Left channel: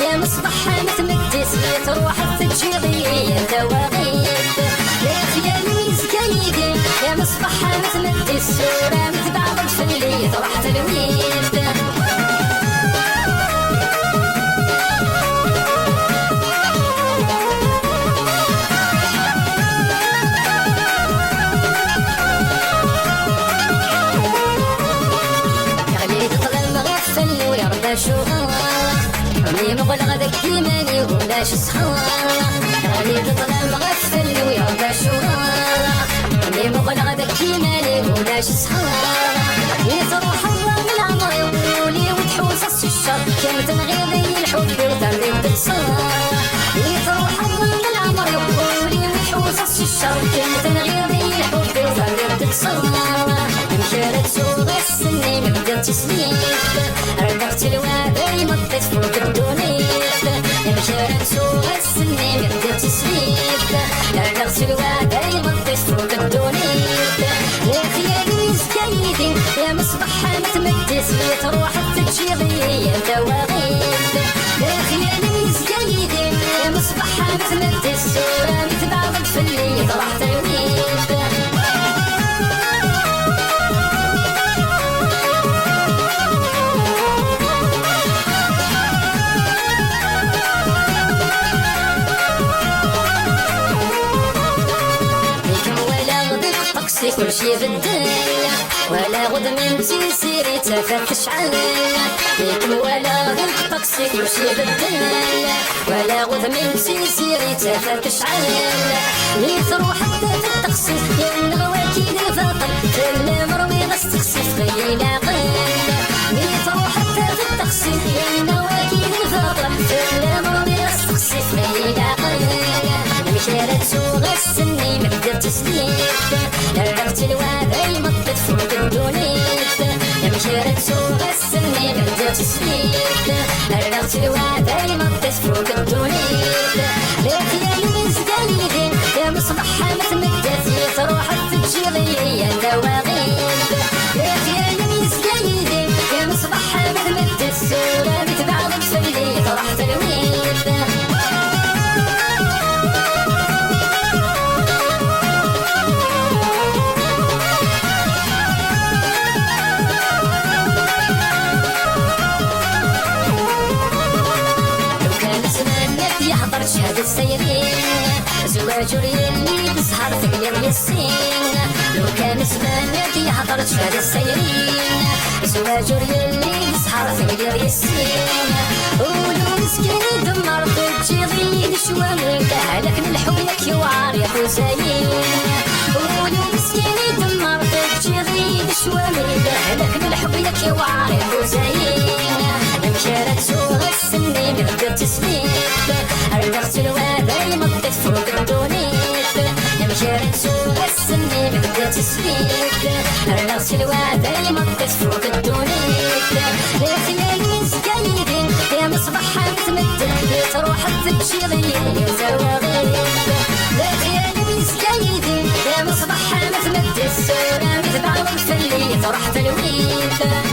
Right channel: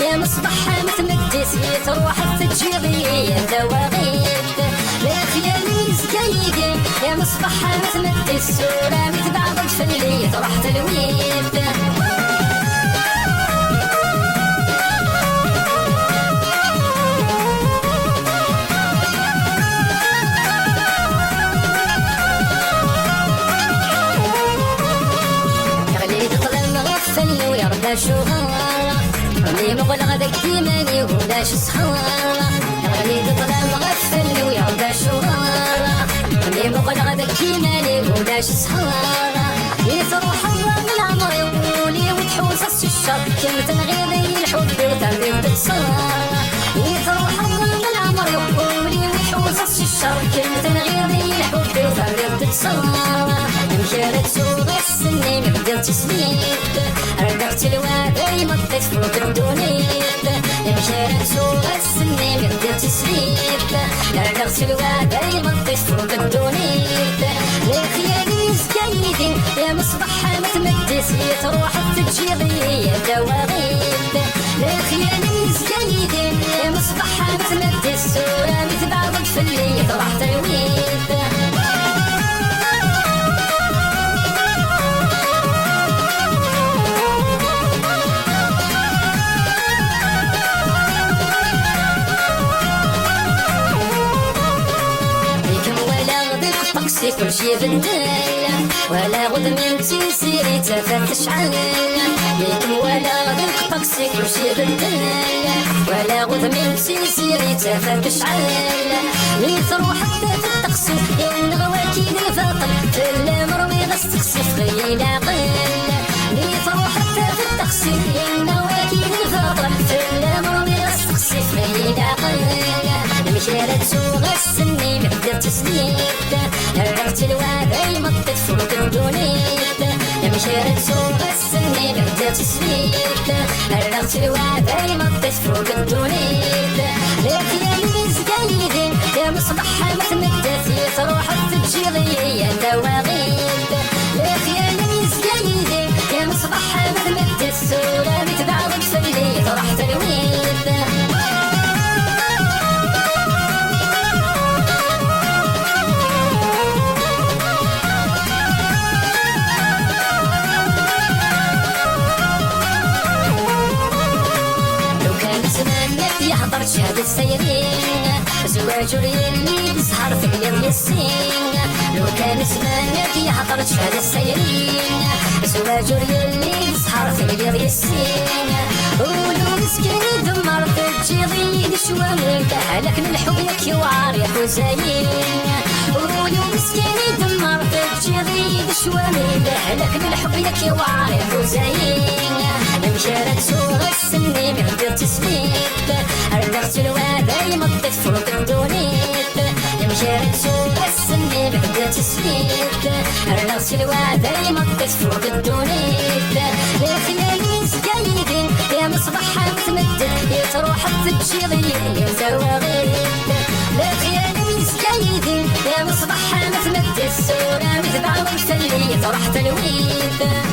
يا مصباح متمدس تروح في تشغيل دواغيب يا نيس كايدة يا مصباح متمدس صورة متبعض في الليل تروح تلويب كانت الغيظ الحب تنبض السما يفرحني ويحوس الشر كانت الغيظ الحب تنبض السما كانت سوق السنين من تسنيب ركبت الوادي مطت فوق الدنيب كانت سوق السنين من تسنيب ركبت الوادي مطت فوق الدنيب يا خيالي سكيدي يا مصباح متمدس تروح تجري دواغيب يا خيالي سكيدي يا مصباح متمدس صورة متبعض في الليل طبعت عيوني تمشي بالدنيا ولا غد تسيري تفتش عليا ولا طقسك تمشي بالدنيا ولا غد تسيري تفتش عليا تروح في التقصير يا الغواكي فرطة تدور ويغس تقصير غينا غينا تروح في التقصير يا الغواكي فرطة تدور ويغس تقصير غينا غينا مشارت سوق السنين من تسنيب الوادي مطت فوق الدنيب مشيت سوق السنين بدات تسنيب ركبت الوادي مطت فوق الدنيب يا زكاني يا مصباح متمدس تروح تجري يا دواغيب يا زكاني يا مصباح متمدس صورة متبعضك في الليل تروح تلويب شهد السيرين زواج الليل بسهر في اليوم السين كان زمانتي عطرت شهد السيرين زواج الليل بسهر في اليوم السين قولوا مسكين دمر في الجيرين شوامي عليك من حولك يوار يا حسين قولوا مسكين دمر في الجيرين شوامي عليك من حولك يوار يا حسين مشارك سوق السنين بدات تسنيب ركبت الوادي مطت فوق الدنيب مشيت سوق السنين بدات تسنيب ركبت الوادي مطت فوق الدنيب يا خيالي سكيدي يا مصباح متمدد تروح تجري يا زواغيب يا خيالي سكيدي يا مصباح متمدد صورة متبعض في الليل تروح تلويب